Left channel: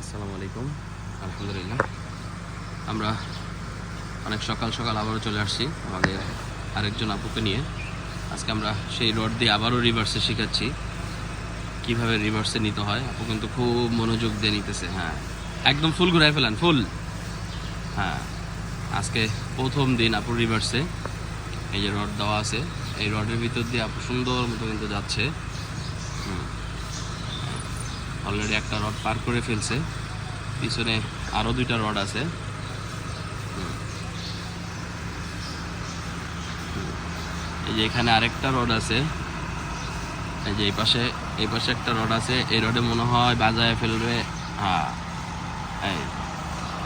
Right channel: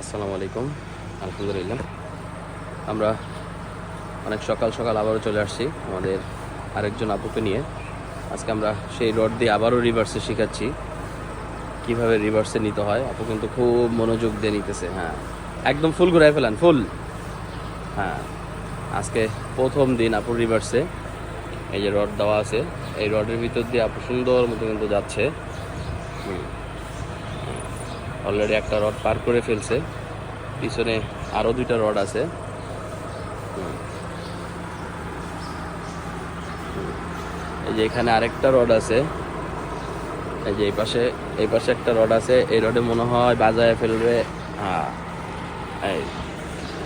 আসসালামু আলাইকুম। আলহামদুলিল্লাহ, আমরা অনেক সকাল সকাল আবারও চলে আসছি আমাদের আরেকজন আপুকে নিয়ে। আজকে আমরা সেই রড দিয়ে আবারও রিভার্সে শেখাচ্ছি কিভাবে রিভার্সে নিতে হয়। আপু কিন্তু খুব মনোযোগ দিয়ে নিতেছে। হ্যাঁ, একদম ফুল ঘুরাই ফেলান, ফুল। হ্যাঁ, আজকে প্রথম দিন আপুর রিভার্সে। এই যে রড দেওয়া আছে, এই রডের ভিতর দিয়ে আপু সুন্দর মতো কিন্তু যাচ্ছে। অলরেডি একটা রড পার করে ফেলছে, পিছনে আরও দুইটা রড আছে। এই যে এখানে আরেকটা রড আছে, এই যে এই পাশে একটা রড আছে। এই রডে মনে হয় বাজায় ফেলবে। হ্যাঁ, এই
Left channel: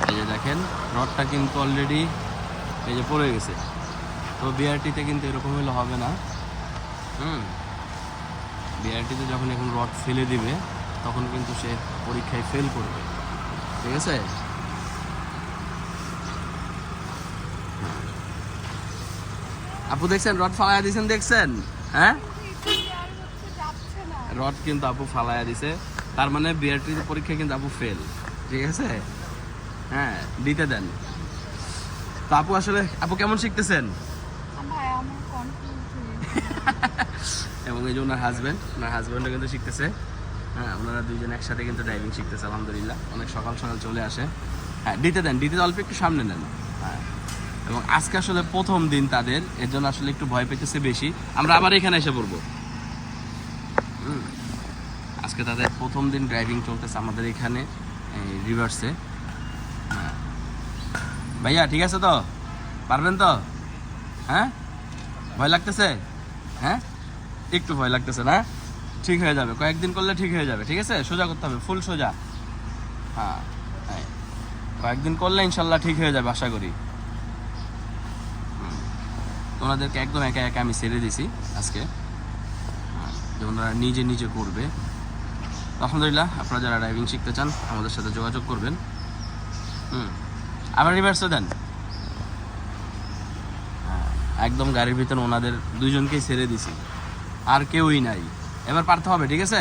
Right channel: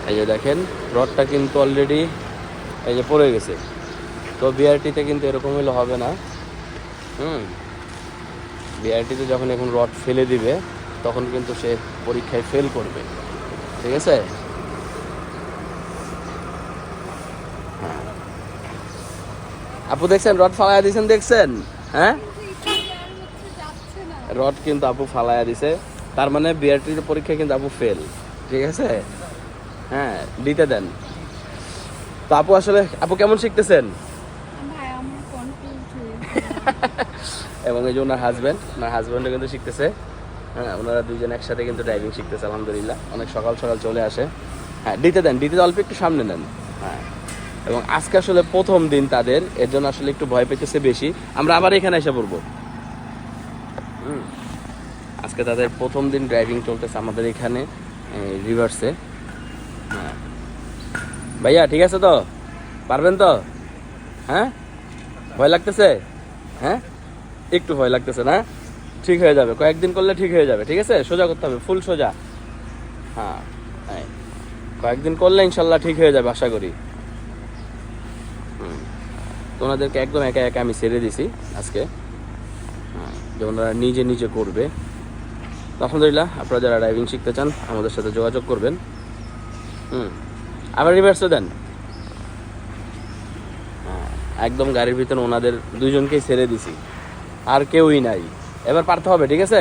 এই যে দেখেন রডটা কিন্তু অলরেডি এই যে পড়ে গেছে। তো বিআরটিতে কিন্তু এরকম হলে হবে না। বিআরটিতে যখন এখন রড ফেলে দিবে তখন কিন্তু সে পরীক্ষায় ফেল করবে। ঠিক আছে? আপু দেখছেন রড ফালাইয়া দিয়েছেন, দেখছেন? হ্যাঁ, রড কিন্তু আপু ফালাইয়া দিছে, তার মানে বিআরটিতে পরীক্ষায় কিন্তু আপু ফেল। ঠিক আছে? হ্যাঁ, দিতে দেন। তো আপু আসলে আপু কেমন শিখতেছেন? এবং এই যে ওনার হাজব্যান্ডও কিন্তু শিখতেছে। হ্যাঁ, ওনারা দুইজন একসাথে কিন্তু ড্রাইভিং শিখতেছে আলহামদুলিল্লাহ। অনেক সকাল সকাল চলে আসে। হ্যাঁ, দিতে দেন, দিতে অল্প একটু সামনে নেন। হ্যাঁ, এবং আজকে আসলে প্রথম দিন তাদের, এর জন্য আসলে একটু ভয় পেতেছে বেশি। আমরা আবার এখানে এসে পড়বো। আজকে তাদের প্রথম দিন ড্রাইভিং চলতেছে আমাদের এখানে রিভার্সে। হ্যাঁ ভাইয়া, ঠিক আছে তো? পারবেন তো? হ্যাঁ, ভয় লাগতেছে? হ্যাঁ, একটু ভয় লাগতেছে না? ঠিক হয়ে যাবে, কয়েকদিন করলে ঠিক হয়ে যাবে। ঠিক আছে, সোজা করতে হবে, ফুল সোজা। হ্যাঁ হ্যাঁ, কয়েকদিন করলে ইনশাল্লাহ ঠিক হয়ে যাবে আশা করি। ওনাদেরকে একদম একা একা আমি ছেড়ে দিছি আজকে। হ্যাঁ, যে ওনারা নিজে নিজে করবে। আলহামদুলিল্লাহ, আপনারা যারা ড্রাইভিং শিখতে চান আমাদের সাথে যোগাযোগ করবেন। আবার রিভার্সও দেন। হ্যাঁ, একদম গাড়ির ভিতরে ওনাদের দুইজনকেই ছেড়ে দিছি, আর কেউই নাই। এবার পারতে হবে। ঠিক আছে?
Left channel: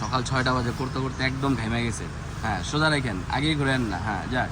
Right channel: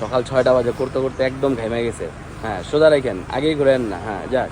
সকাল 6টা বাজে, করতে করতে একদম ঘেমে গেছে। হ্যাঁ, সোজা রাখেন, আগেই ঘুরেন না। হ্যাঁ, যাক।